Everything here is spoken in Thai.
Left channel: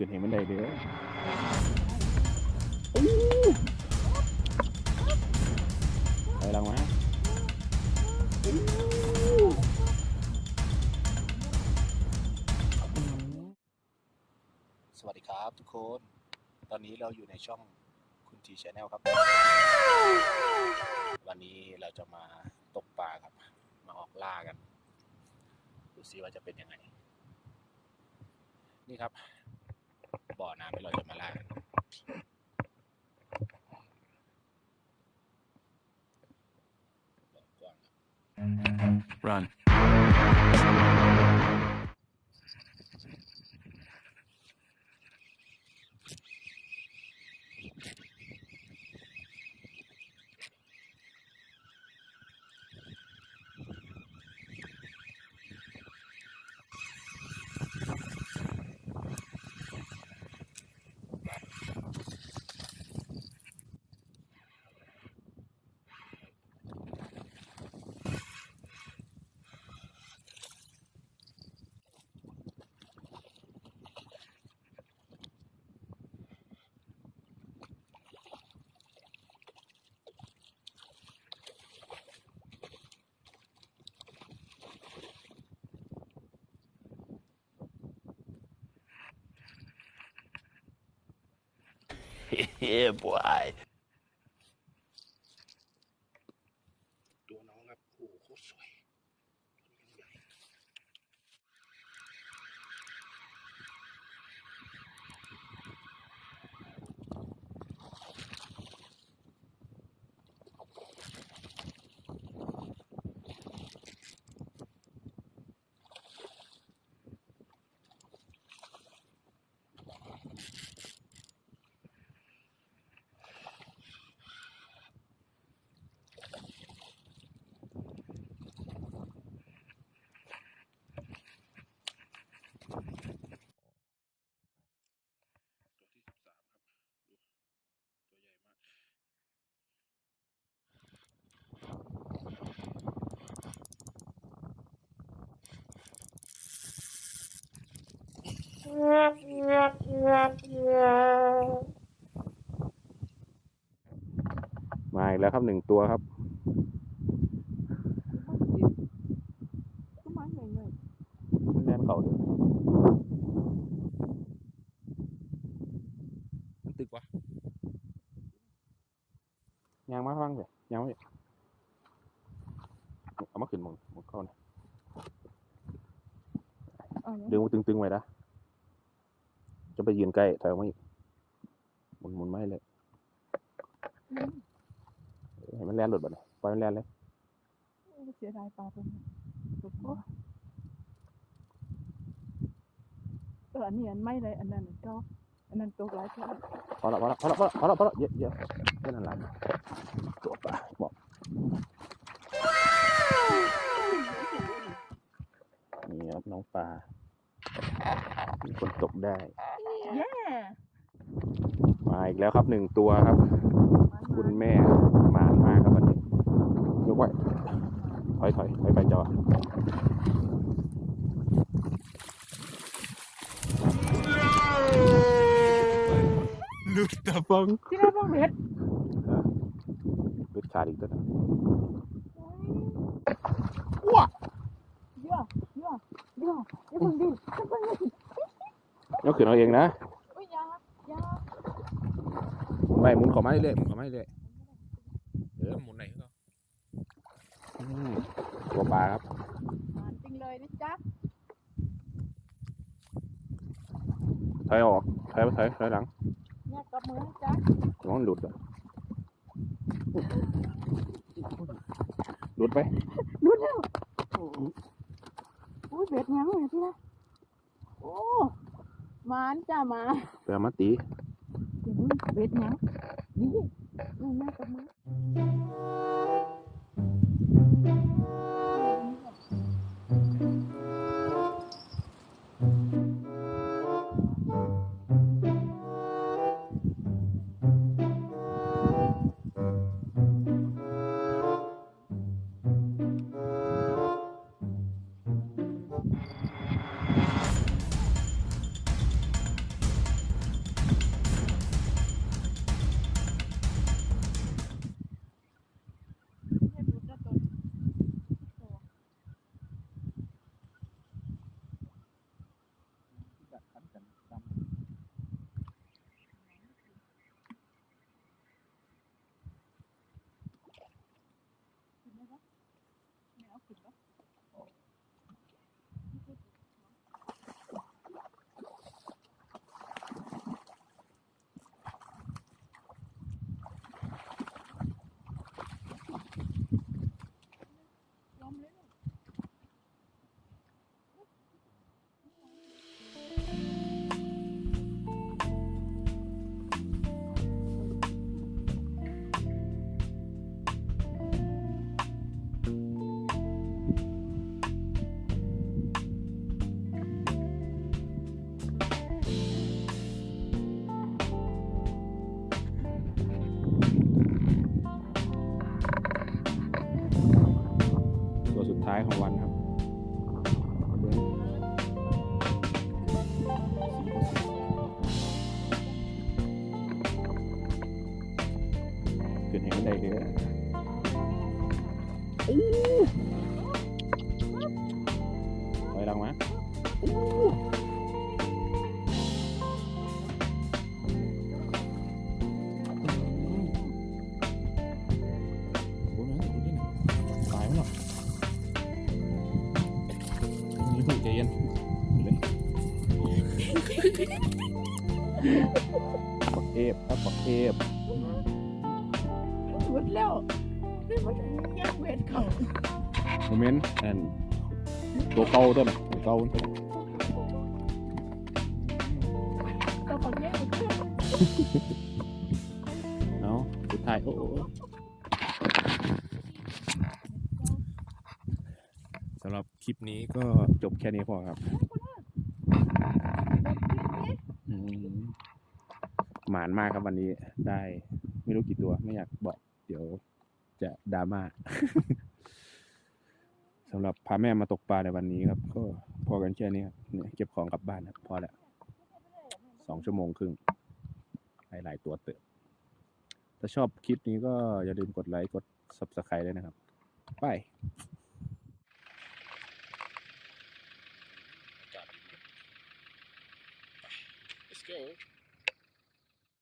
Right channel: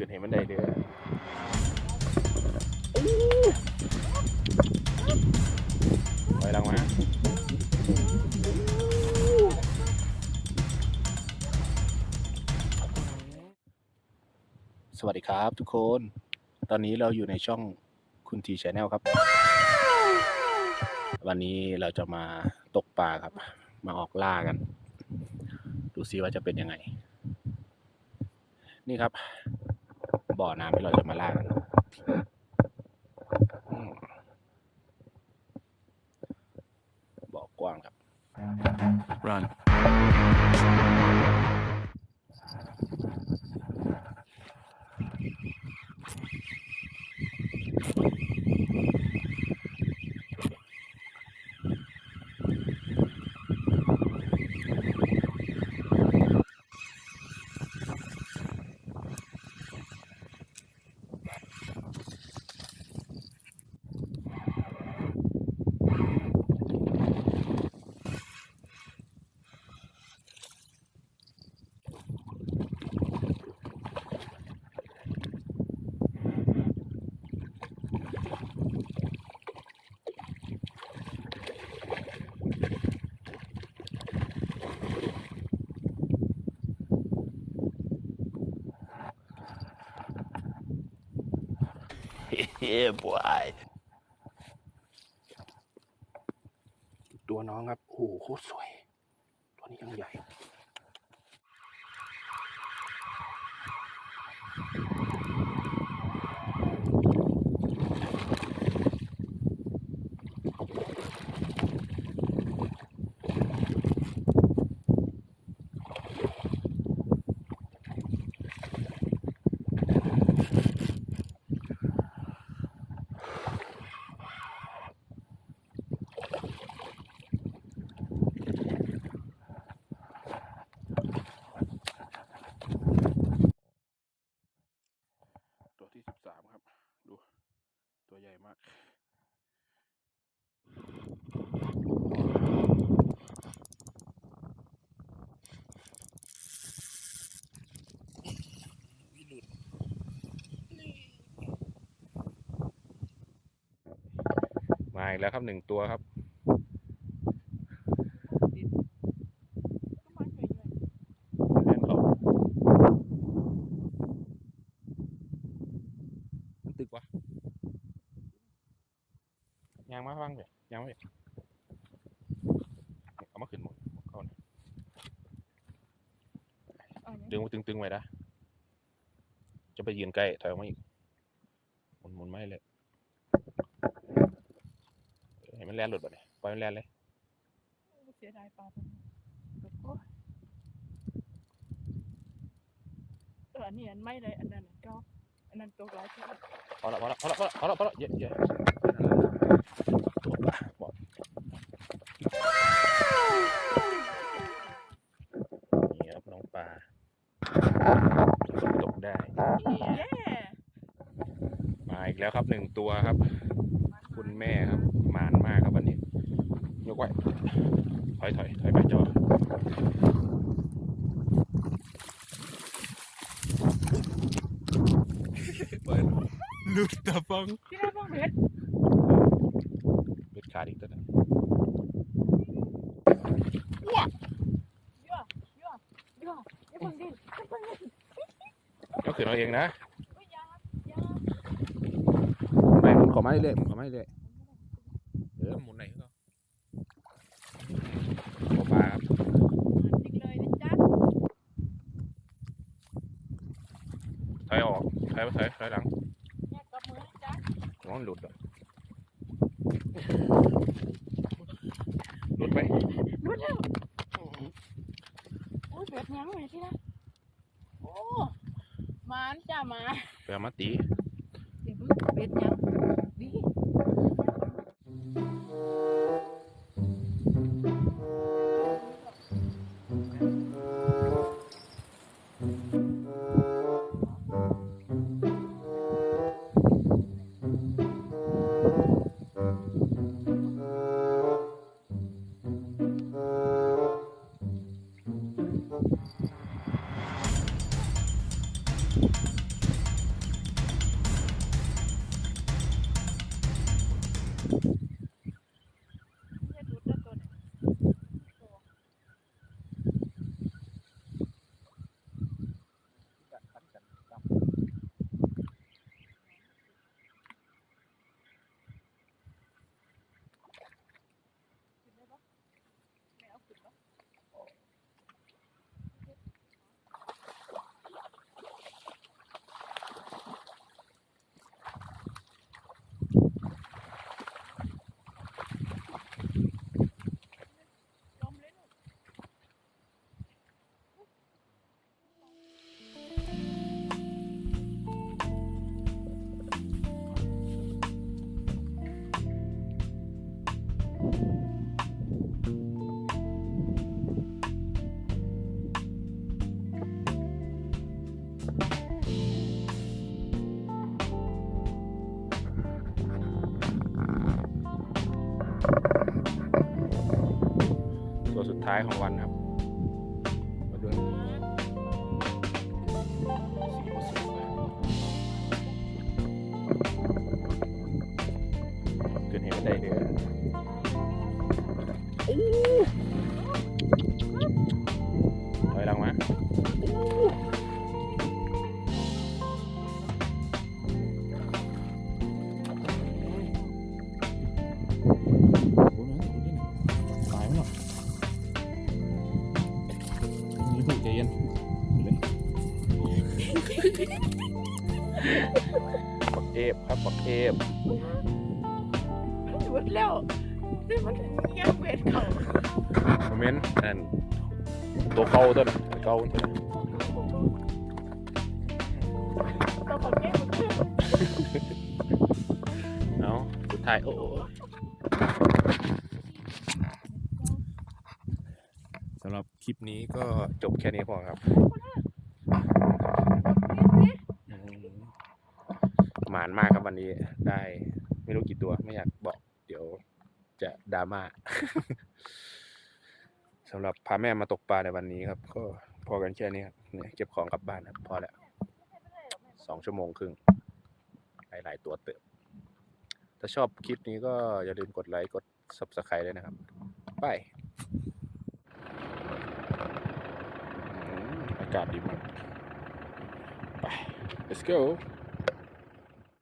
ขึ้นให้มันได้เด้อไปลังมาสวัสดีครับทุกคน ตอนนี้เราอยู่ในช่องคุณทีชแนลครับ วันนี้เราจะมาตกปลาครับ มาออกล่ากัน ดูซิว่าจะเป็นยังไง นี่ครับ บ่อน้ำที่เราจะมาล่ากันอืมบ่อกว้างครับ Run. Yeah, boy. ตัวน้องครับ โอ้โหโคตรสวย ตัวนี้ยังใหญ่ ตัวที่สิบสามครับ ดู ตัวใหญ่มาก มาอีกแล้วครับหนึ่งตัวครับแม่นเขามันตึกวะยางมาฟังเถอะยางมาเถอะเอามาขึ้นหมดหมดเข้านะดึงมาตึงๆไว้นะจะ ไปยืนใกล้ถอยออกมาอีกหมุนหมุนไม่เลยเออให้มันแล่นหลุดบ่เนี่ยปล่อยมันแล่นเลยเสียดายปลาตัวนี้ตัวนี้เอออันนี้อันไม่เลยอันนั้นก็อันนั้นตัวร้ายแค่พอละพอละพอละพอละพอละพอละเยอะเยอะตัวปลาบอกนี่ครับน้องปลาฝนตกได้เย้ มาอีกแล้วครับหนึ่งตัวครับ คุณแม่ครับหมานมากครับวันนี้ยกไว้ถอยถอยถอยไปจอลุดตาฟังที่เราต้องเบ็ดเบ็ดขาดอีกตัวหนึง เยอะเยอะเยอะอย่าเพิ่งดิ้นอย่าเพิ่งดิ้น ยก ขึ้นเอาเองนะโอ้ยอยาอยาไปหมุนขอไม้เรื่อยหมุนขอไม้เรื่อยเออหมุนไหนก็อืมตัวปลาครับจริงเลยนะจ๊ะถอยออกถอยไปถอยถอยหลังแม่กับมือนะจ๊ะน้องหลุดอะหลุดไปลุ้นแล้วโอ้ยเบ็ดยังไงที่นะโอ้ มานจ้ามาไปเอามาตี เดี๋ยวมึงเบ็ดยังนี่ให้ ตัวสุดท้ายของวันครับมาดูสีมันสวยเกิดเหตุได้เด้อถ ปักเทพครับปักเทพหมดแล้วนี่มันเงียบเวทเขาโมเมนต์อันตัวเก่าตัวน่ะตัวเก่าตัวของแม่มันชื่อเอาสุดท้ายโอ้โอ้สำหรับคลิปนี้ก็จบแค่นี้พอครับอืม หมานมากครับวันนี้ได้ ไม่รู้กี่ตัวไม่อยากบอก เดี๋ยวจะดราม่าสำหรับพาแม่มาตกปลาในวันนี้ครับ ก็พอกันแค่นี้ครับเนี่ยเก็บของกลับบ้านครับ พอแล้วสองชั่วโมงครึ่งหลายตัวเติบ ถ้าชอบคลิปนี้ก็อย่าลืมกดไลค์กด Subscribe ด้วยนะครับไปอากาศดีมากไป let's go